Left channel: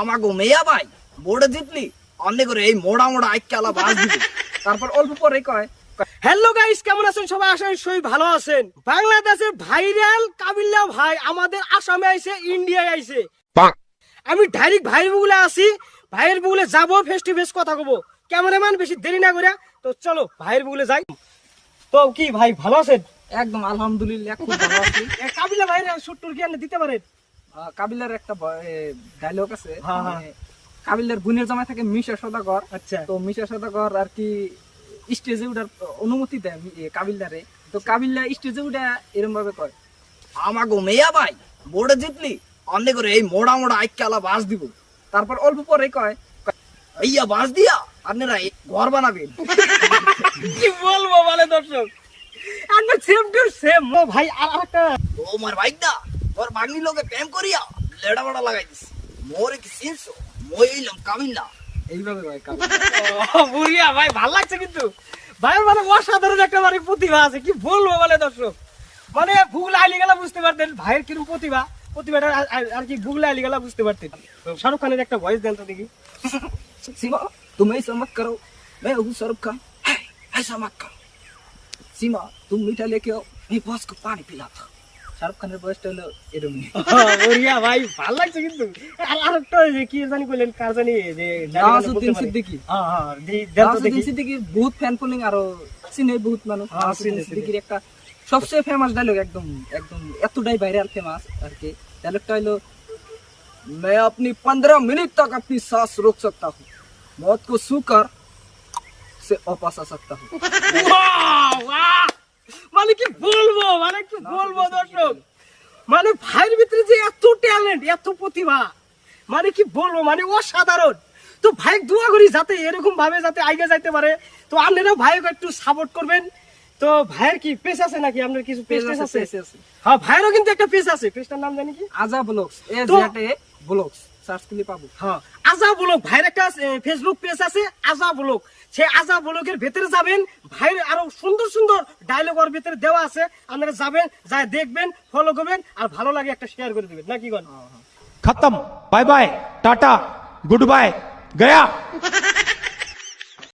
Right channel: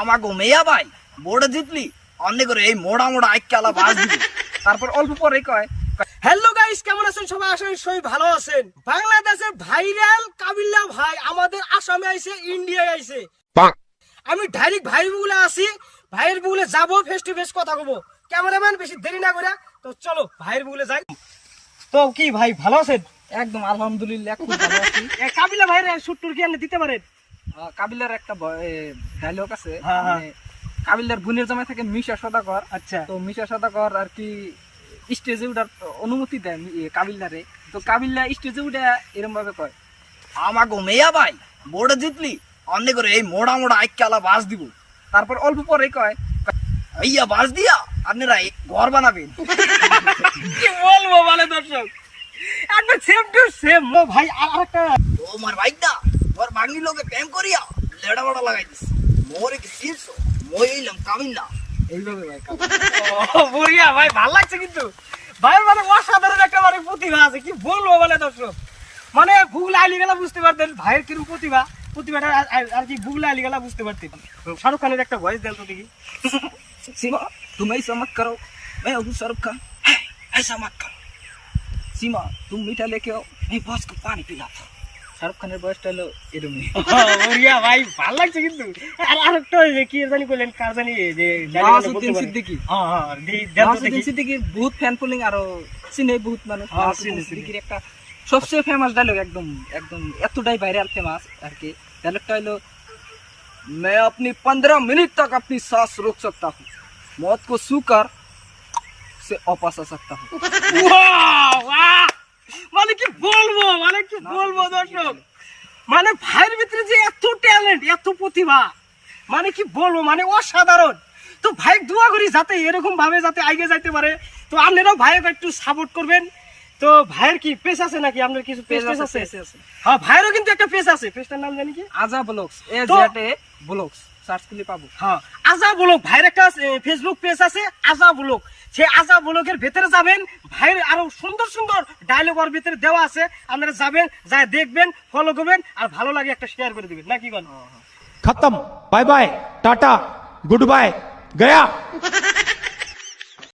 আমাকে মেয়া ভাই বোর্ডে জিতলি অনেক করে এই মোড়া মোড়া আইকালা বাস দিবি তারপর অল্প পরে কয় হ্যালো গাইস, কেমন আছেন সবাই? আশা করি সবাই ভালো আছেন। বাংলাদেশের ভাইরাল কাবিল্লা ভাই আমাদের আসামে আইছে, ইন্ডিয়ায় আইছে। আমি ডাইরেক্ট ভাইয়ের বুগুলে আসি, ভাইয়ের বুগুলে যাবো, ফেস টু ফেস কথা কব। ক্যামেরাম্যান বেশি দেরি না করে তো চলো ভাইয়ের বুগুলে যাই। তো কি ভাই ভালো আছেন? একদম আলহামদুলিল্লাহ খুব ভালো আছি। কাবিল্লা ভাইয়ের শুট্টুর কি দিতে পারেন? কাবিলার একটা ডায়লগ আছে, হ্যাঁ, হ্যাঁ। কাবিলার বোনের জামাই থাকে মিশা সদাগর। আচ্ছা। তো মিশা সদাগর আর কি স্টেজে উঠার অনুমতি দেন কাবিলারে। তো কাবিল্লা স্টেজে উঠে এরকম ভাবে কয়, আমাকে মেয়া ভাই বোর্ডে জিতলি অনেক করে এই মোড়া মোড়া আইকালা বাস দিব। তারপর অল্প পরে কয়, ইয়া বাস দিয়া আপনারা ঘর বানাবেন। কি বলবো মানে দর্শক, একদম সেম টু সেম। ও ভাই আরেকটা, তোমার ভাইটা তোর বাগনি লোকে প্রেম করিয়া লেড়া বড়া লাগাই দিস, মোরে কি সিনছো মই এলাম কাবিল্লা। এইভাবে ভাই বুড়িয়া ভাই ভালো লাগছে কিন্তু ভাই, মানে অসাধারণ একটা মানে প্রতিভা আছে। কি বলবো বলে দর্শক, মানে গুগল আইলি গেলা বুঝতে পারতেন ভাইয়ের কিরকম প্রতিভাটা আর কি গুগল আইলি গেলা বুঝতে পারতেন। শাহরুখ খানের একটা ভয়েস দেন তো দেখি। सीमा तुम ऐसा मत करो, मैं हूँ शाहरुख खान, ऐसा मत करो। सीमा तुम मीठा लेके आओ, मैं बॉस को पानी पिलाता। শাহরুখ খানের বয়সটা হলো এরকমই। বুড়িয়া ভাই ভালো লাগছে কিন্তু। আর আরেকটা ওই কি জানি বললেন, কার জানি যে নওয়াজউদ্দিন সিদ্দিকী। হ্যাঁ হ্যাঁ, নওয়াজউদ্দিন সিদ্দিকীর বহুত ফ্যান ফলোইং আরো চিনে বহুত মানুষ। হ্যাঁ, নওয়াজউদ্দিন সিদ্দিকীর একটা সবচেয়ে ফেমাস ডায়লগ, একদম একদম এতটাই ভাইরাল ফেমাস আর কি। ডায়লগটা হলো, मैं अपनी 15 मिनट तक अपनी सांस रोक सकता हूँ, मौत को छूकर से वापस आ सकता हूँ। মানে কি বলবো, মানে কি বলবো দর্শক, মানে ভাইয়ের ভিতরে যে এত ট্যালেন্ট, এত প্রতিভা, মানে কি বলবো, মানে অসাধারণ। তো ভাই দোয়া করি যাতে এরকম ভাবে যাতে আগে যাইতে পারে। তো আপনারাও ভাইকে একটু সাপোর্ট করবেন। তো ভাইয়ের কি পেজ আছে নাকি? আপনার কিছু পেজ আছে? হ্যাঁ, ভাইয়েরও কিন্তু একটা পেজ আছে। পেজটার নাম জানি কি? আজা ব্লগস, ব্লগস সার্চ করলে পাবো। হ্যাঁ, আজা ব্লগ। ভাইয়ের একটা ফেসবুক পেজ আছে আজা ব্লগ। সেই আজা ব্লগের ভেতরে যাবেন, ভাইয়ের আরো সুন্দর সুন্দর ডায়লগ ওর ভিতরে দেওয়া আছে। আপনারা যাবেন, যা দেখবেন, ফলো করবেন, আর ভালো লাগে একটা শেয়ার করে দিবেন নাকি? खत्म, bye bye, tata, goodbye, गया।